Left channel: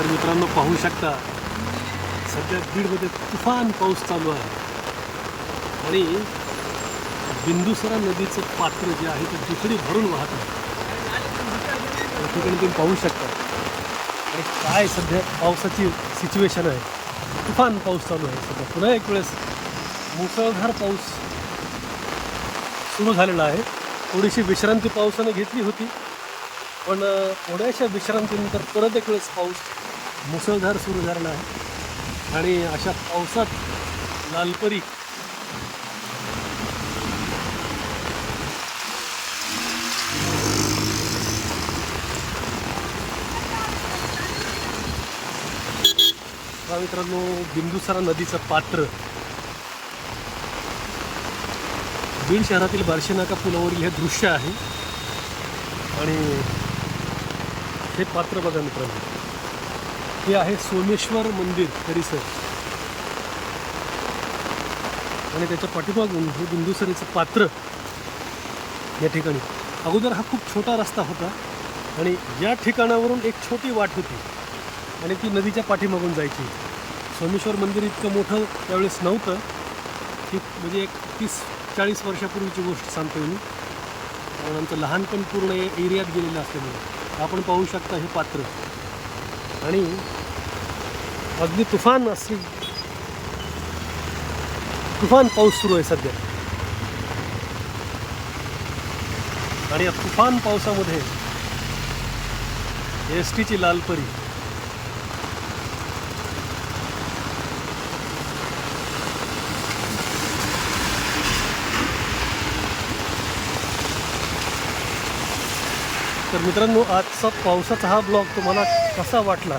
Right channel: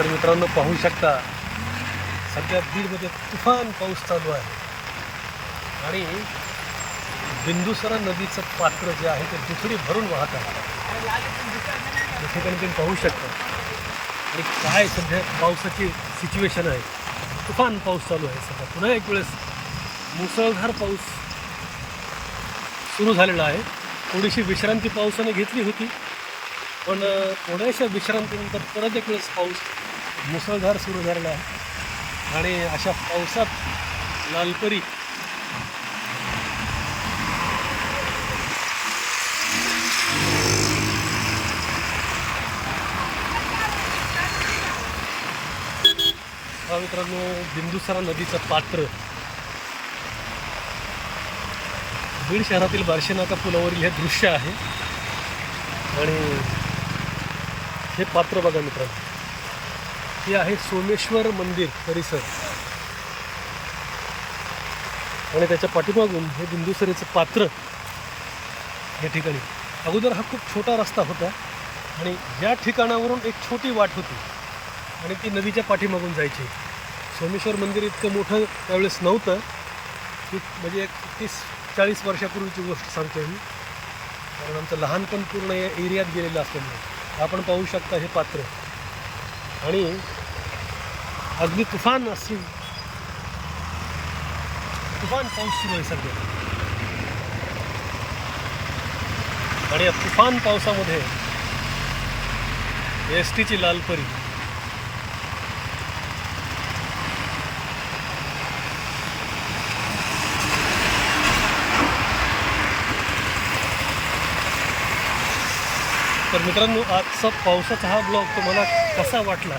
तर मित्रांनो पाहू शकता सध्या बीडमध्ये तुफान पाऊस चालू आहे आणि बिंदुसरा नदीचं पात्र जे आहे ते दुथडी भरून वाहत आहे. या ठिकाणी तुम्ही पाहू शकता आणि काय सध्या पावसाची सिच्युएशन आहे. तुफान पाऊस चालू आहे सध्या. पुन्हा एक वेळेस मुसळधार पाऊस सुरू झालेला आहे. थोडीशी विश्रांती पावसाने घेतली होती, पण थोड्याशा विश्रांतीनंतर परत एक वेळेस पाऊस मुसळधार सुरू झालेला आहे आणि अशा पावसात लालपरी मित्रांनो बिंदुसरा नदीचं पात्र बीड शहरातील बार्शीनाका पुलावरील हे दृश्य आहे आणि हे पात्र बघा मित्रांनो, हे आहे सोमेश्वर मंदिर परिसर आणि त्याच्या पाठीमागून हे बिंदुसरेचं पात्र. या ठिकाणी अगोदर हा खूप छोटा रस्ता होता आणि ज्या ठिकाणावरून एक छोटी वाट होती आणि ती नदीच्या पाठीमागून जायची. सोमेश्वर मंदिर इतकं मोठं त्यावेळेस नव्हतं की, म्हणजे एक 30-40 वर्षापूर्वीची गोष्ट सांगतोय मी, कारण आमचं लहानपण पूर्ण या एरियात गेलेलं असल्यामुळे. आपण पाहू शकता हे पात्र आणि अगदी तुफान पाऊस सुरू आहे सध्या आणि या तुफान पावसामध्ये एस टीची लालपरी तर मित्रांनो, आजचा पावसाचा हा ब्लॉग तुम्हाला कसा वाटला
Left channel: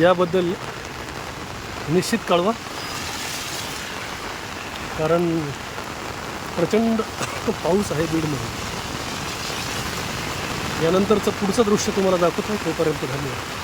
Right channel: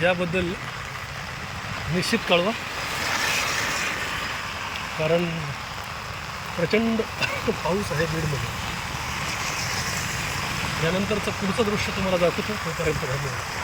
याबद्दल निश्चित कळवा, कारण प्रचंड पाऊस आहे बीडमध्ये. यानंतरचं पुढचं दृश्य तुम्हाला दाखवतो. तोपर्यंत धन्यवाद.